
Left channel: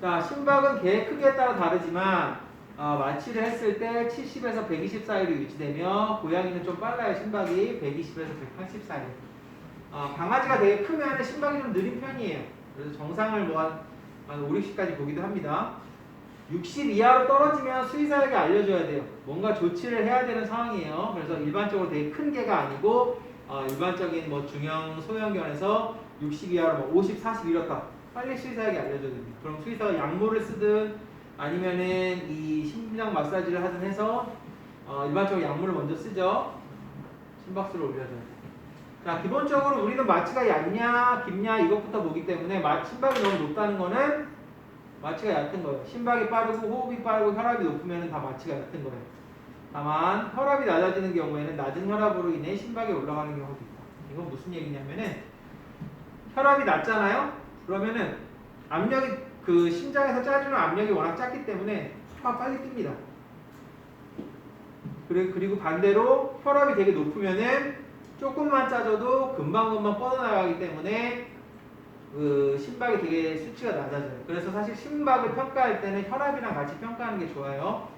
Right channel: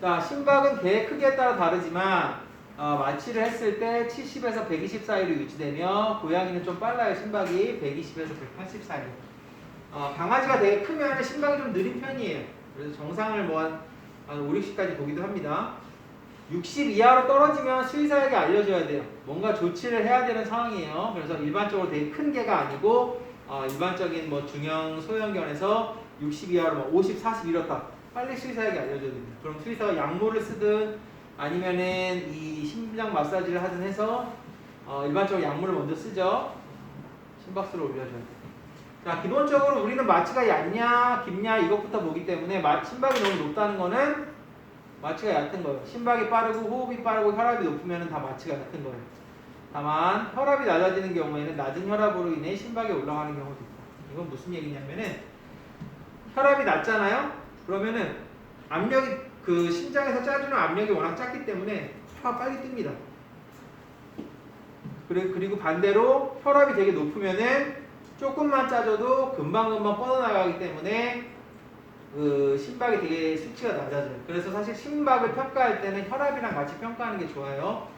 자 심박은 개 크기에 따라 다르지만 마취를 했을 때 70에서 120 사이로 유지되며 고양이는 좀 빨라요. 심박이 120에서 180 사이. 강아지가 되게 크면 심박이 좀 느린 편이에요. 그래서 정상을 뭐 한 5, 60까지 보기도 합니다. 60 이하로 떨어지면 수의사에게 알려줘야 돼요. 뭔가 조치를 해야 되는 상황이에요. 그래서 일반적으로 되게 큰 개가 아니고 일반적인 뭐 중형 소형견에서 60 이하로 뭐 50, 40 이렇다. 빨리 수의사에게 알려줘야 됩니다. 그럼 수의사가 약물을 쓰든 아니면은 이 심장 마사지를 하든 해서 일반적으로 약물을 먼저 쓰죠. 심박수를 올려줘야 돼요. 자, 기본적으로 우리는 마취가 얕냐, 깊냐 이것부터 보기 때문에 심박이 너무 높다는 거는 마취가 얕은 거예요. 심박이 빠르고 호흡이 빠르고 혈압이 높으면 다 마취가 얕은 거예요. 다만 혈압이 낮아지는 경우에는 낮은 혈압으로 인해 심박이 올라가는 경우도 있다. 이건 무슨 얘기냐면은 혈압이 낮잖아요. 그러면은 압력이 그 심장에서 짜주는 압력이 워낙 작기 때문에 혈압 빨리 뜁니다. 그리고 반대로 혈압이 되게 높으면은 조금만 짜줘도 금방금방 뻗어나가기 때문에 그 심박이 되게 수치가 낮아져요. 그래서 사실 심박을 평가할 때는 혈압이랑 같이 평가하는 게 좋아요.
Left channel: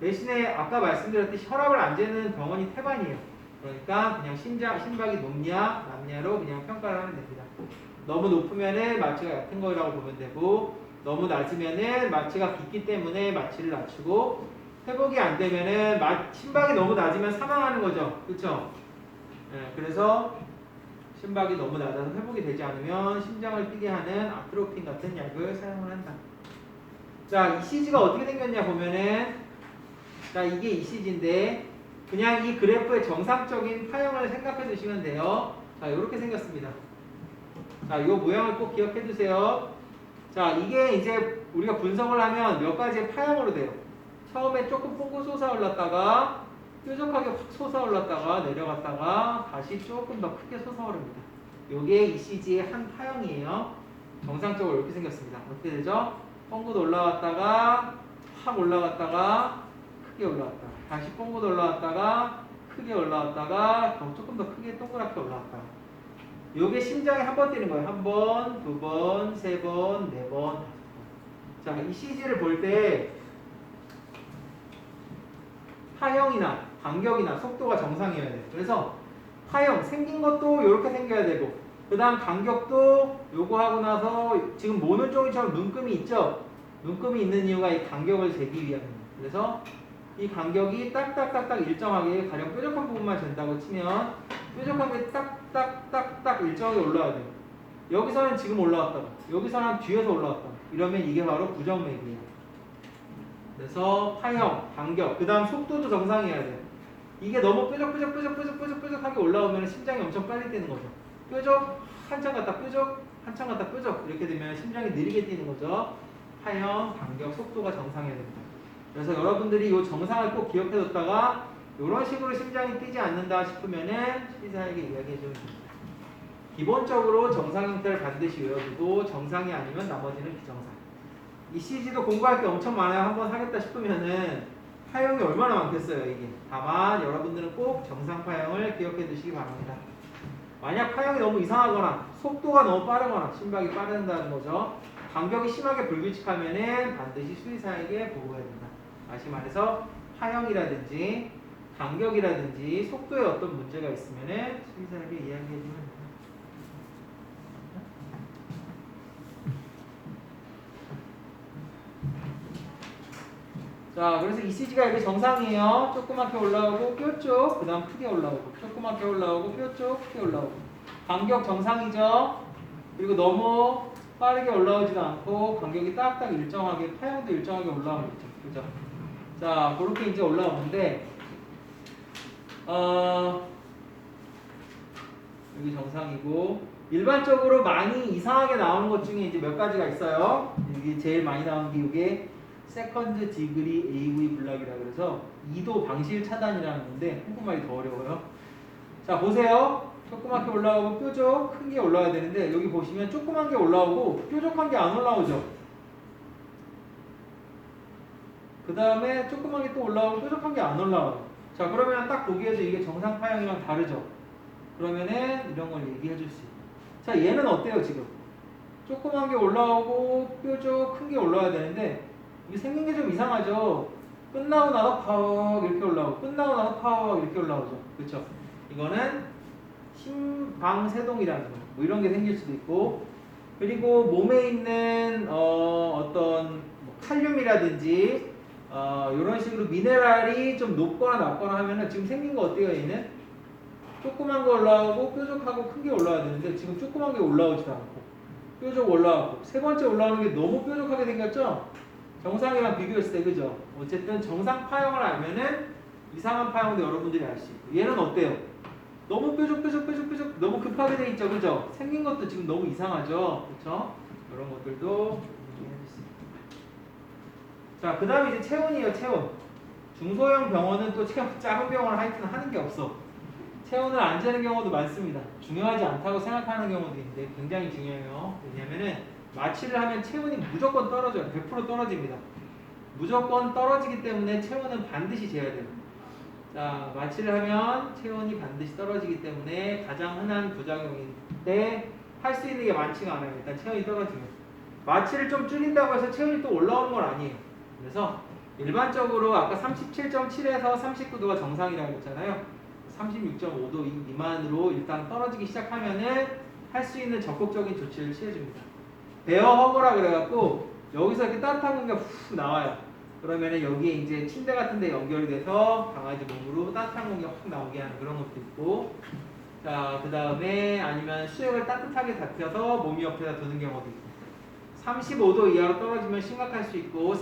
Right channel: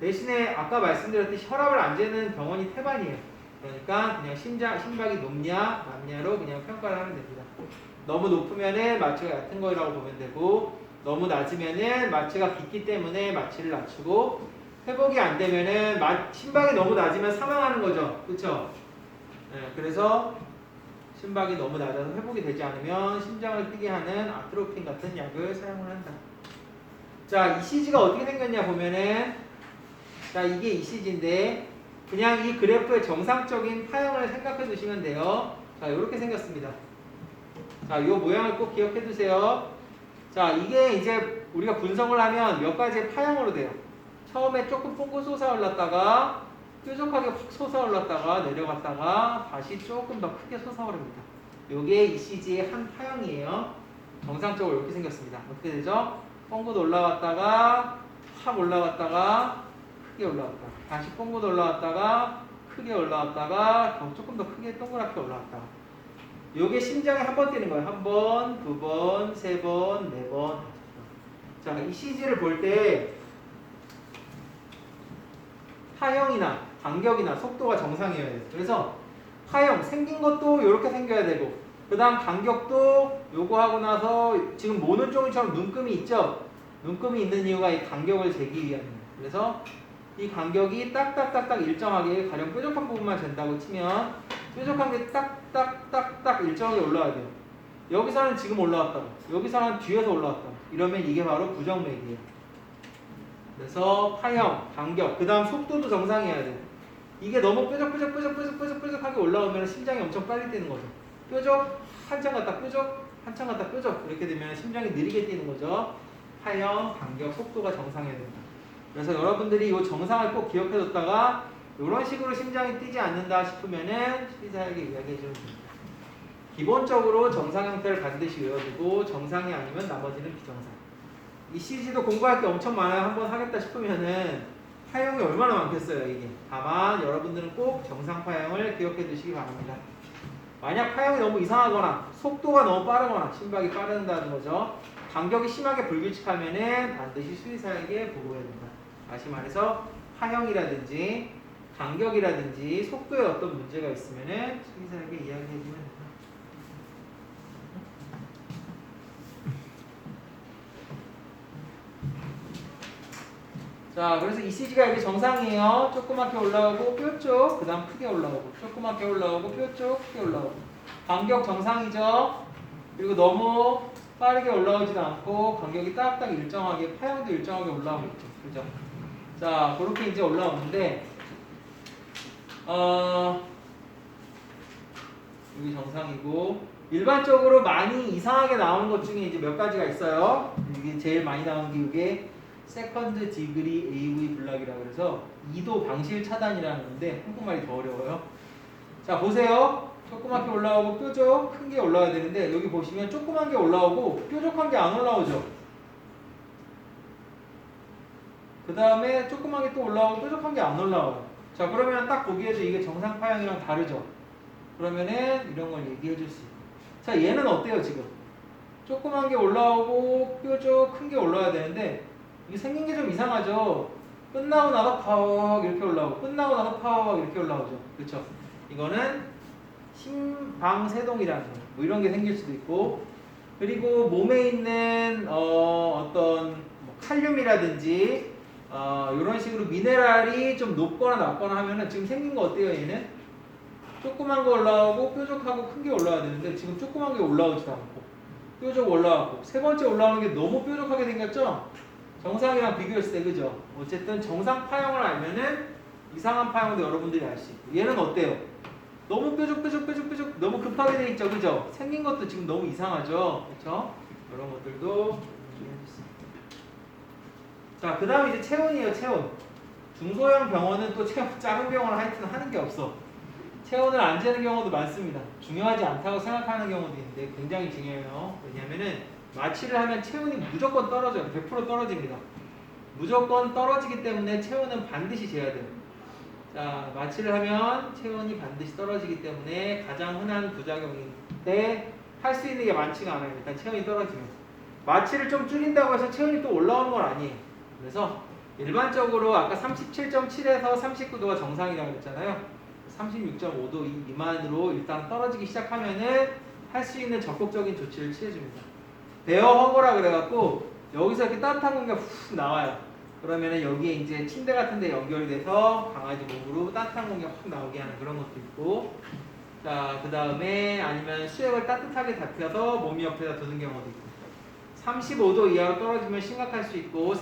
대신에 아까 말씀드렸듯이 혈압을 안 재는 병원이 태반이에요. 그러니까 그냥 심박이 높냐 낮냐로 그냥 평가를 하면 됩니다. 너무 높으면은 마취가 얕은 거라고 보면 되고 너무 낮으면은 마취가 깊기 때문에 마취를 낮추고 회복이 안 되면은 심박이 너무 낮으면 사망하는 거죠. 그렇죠? 네, 그래서 심박이 너무 낮아서 회복이 되지 않으면 심장을 뛰게 하는 아트로핀 같은 약을 사용을 한다. 자, ECG가 어떻게 생겼냐 보면은 자, 이게 ECG인데 그냥 이 그래프의 정상적인 파형을 생각해 주시면 돼요. 자, 이렇게 생겼습니다. 자, 이 모양을 꼭 기억해 두세요. 자, 이게 이제 우리가 분석을 하면 몇 가지의 파형으로 돼요. 처음에 조금 뽕고 솟아올랐다가 뾰족하게 확 솟아올랐다가 내려갔다가 다시 조금 더 크게 솟아오릅니다. 이게 ECG의 한 파형이에요. 정상적으로 이렇게 생겼습니다. 어떻게 되죠? 뽕고도 올라갔다가 확 올라갔다가 크게 올라갔다. 다시 뽕고도 올라갔다가 크게 올라갔다가 조금 더 크게 동그랗게 올라갔다. 이게 심장에 한 번 뛰는 거예요. 한 번, 두 번, 세 번, 네 번. 자, ECG를 볼 때 파형이나 간격이나 속도가 정상이어야 돼요. 그래서 파형 생긴 것도 이렇게 생겨야 되고 그 다음 간격도 요거 하고 나서 지금 모노종이처럼 눈금이 있죠? 눈금이 있는 이유가 이 간격을 재기 위함이에요. 그래서 이 간격이 딱딱딱딱 일정하게 가령 뾰족한 부분만 잰다고 치면 뾰족한 게 딱딱딱딱 일정하게 올라와야 돼요. 여기서는 지금 올라왔다고 여기서는 뒤에서 올라왔다고 이러면 이게 바로 부정맥이에요. 그래서 파형, 간격, 그 다음 속도도 정상이어야 돼요. 이게 너무 뾰족하게 올라오면 심장이 엄청 빨리 뛰는 거죠. 뾰족, 한참 갔다 뾰족, 한참 갔다 뾰족 이렇게 되면 심장이 느리게 뛰는 거죠. 파형, 간격, 속도가 정상이어야 됩니다. 그래서 여러분들이 이 정상을 꼭 기억해뒀다가 이런 식으로 심장이 뛰지 않는다 싶으면은 수의사에게 이야기해주면 됩니다. 기본적으로 정상 형태를 반드시 외워두고 정상이 아니면 나머지는 비정상. ECG도 공부할 게 엄청 많아요. 한번 하겠다 싶으면은 파형이 얼마나 많겠어요, 이게. 다만 여러분들은 꼭 정상 파형을 기억해 두시기 바랍니다. 만약 파형이 너무 이상하거나 속도가 너무 빠르거나 심박이 빠른다는 거죠. 간격이 심하게 불규칙하면은 반드시 수의사에게 보고해야 된다. 다시 말해서 파형이라든지 간격이라든지 속도에 어떤 문제가 있으면은 수의사에게 이야기해 주면 됩니다. 자, 그래서 ECG가 이게 정상이에요. 조그맣게 올라오고 뾰족, 그 다음 크게 올라오고, 조그맣게 올라오고 뾰족, 크게 올라오고. 간격 정상이죠. 그리고 너무 빠르게 올라오지도 않고 간격이 딱딱 일정하게, 파형도 일정하게 올라오고 있죠. 그죠? 자, 그렇게 이제 올라오는데 여기 정상이고, 일반적으로 많이 이상하게 나오는 것 중에 이제 몇 가지가 있어요. 이게 제일 많이 나오는 게 이게 세컨드 디그리 AV 블락이라고 해서 2도 방실 차단이라는 건데 한국말이 더 어려워요. 자, 보세요. 조그맣게 올라오고 뾰족 큰 게 올라와야 되는데 여기 보시면 조그만 게 올라오고 뾰족한 게 안 올라오죠. 그 다음에 조그만 게 또 올라오고 뾰족한 게 안 올라와요. 자, 그러면 딱 보기에도 이게 정상 파형이랑 다르죠. 그러면은 이런 걸 얘기해 줄 수 있어요. 자, 얘는 어때요 지금? 조그만 게 올라오고 뾰족 큰 게 올라와야 되는데 이게 생긴 게 좀 이상하죠. 끝나고 나서 팍 이렇게 올라오고 끝나고 나서 팍 이렇게 올라오죠. 그렇죠? 이거는 심방세동이라는 거. 뭐 이런 게 생길 수도 있고, 그리고 몸에 있는 어떤 뭐 칼륨이라든지 이런 식으로 미네랄이 좀 높거나 낮거나 하면은 지금 생긴 거 어때요? 얘는 조그만 거 올라오고 뾰족하고 큰 게 올라와야 되는데 지금 조그만 게 올라오지도 않고 뾰족 올라오고 세 번째 올라오는 게 너무 뾰족하게 생겼죠? 정상이랑 비교했을 때 그죠? 어쨌든 정상 파형을 알면은 이상한 파형도 여러분들이 알 수 있고, 얘는 어때요? 너무 뾰족 너무 급하게 돼 있죠, 그죠? 생긴 것도 지금 너무 이상하죠, 그렇죠? 이런 것들도 좀 해주세요. 자, 그 다음에 이제 체온이에요, 체온. 중소형 병원은 또 체온 작은 병원을 하여튼 하는 게 없어. 체온을 안 재는 경우도 많습니다. 중요하지 않다고 생각하는 경우도 있는데 굉장히 중요해요. 왜냐면은 마취를 하면 체온이 무조건 떨어져요. 100% 떨어집니다. 무조건 떨어지기 때문에 체온은 반드시 재야 돼요. 자, 마취를 하면 체온이 반드시 떨어지기 때문에 가장 흔한 부작용인데 할 수 있는 게 많지가 않아요. 일단 체온이 떨어지면. 마취를 좀 줄인다고 해서 체온이 또 올라오는 건 아니에요. 그래서 일반적으로 아까 37.7에서 39도가 정상이라고 했잖아요. 36.5도 미만으로 일단 떨어지기 시작하면은 할 수 있는 적극적인 조치를 취해줍니다. 베어 허브라 그래갖고 여기서 이렇게 따뜻한 공기가 훅 나와요. 그러면은 여기에 이제 침대 같은 데 연결이 돼서 강아지 몸으로 따뜻한 공기가 훅 나오게 하는 그런 것도 있고, 자, 그 다음에 아니면 수액을 따뜻하게 잡혀서 몸 옆에다 두는 경우도 있고, 35도 이하로 떨어지면 심각할 수 있고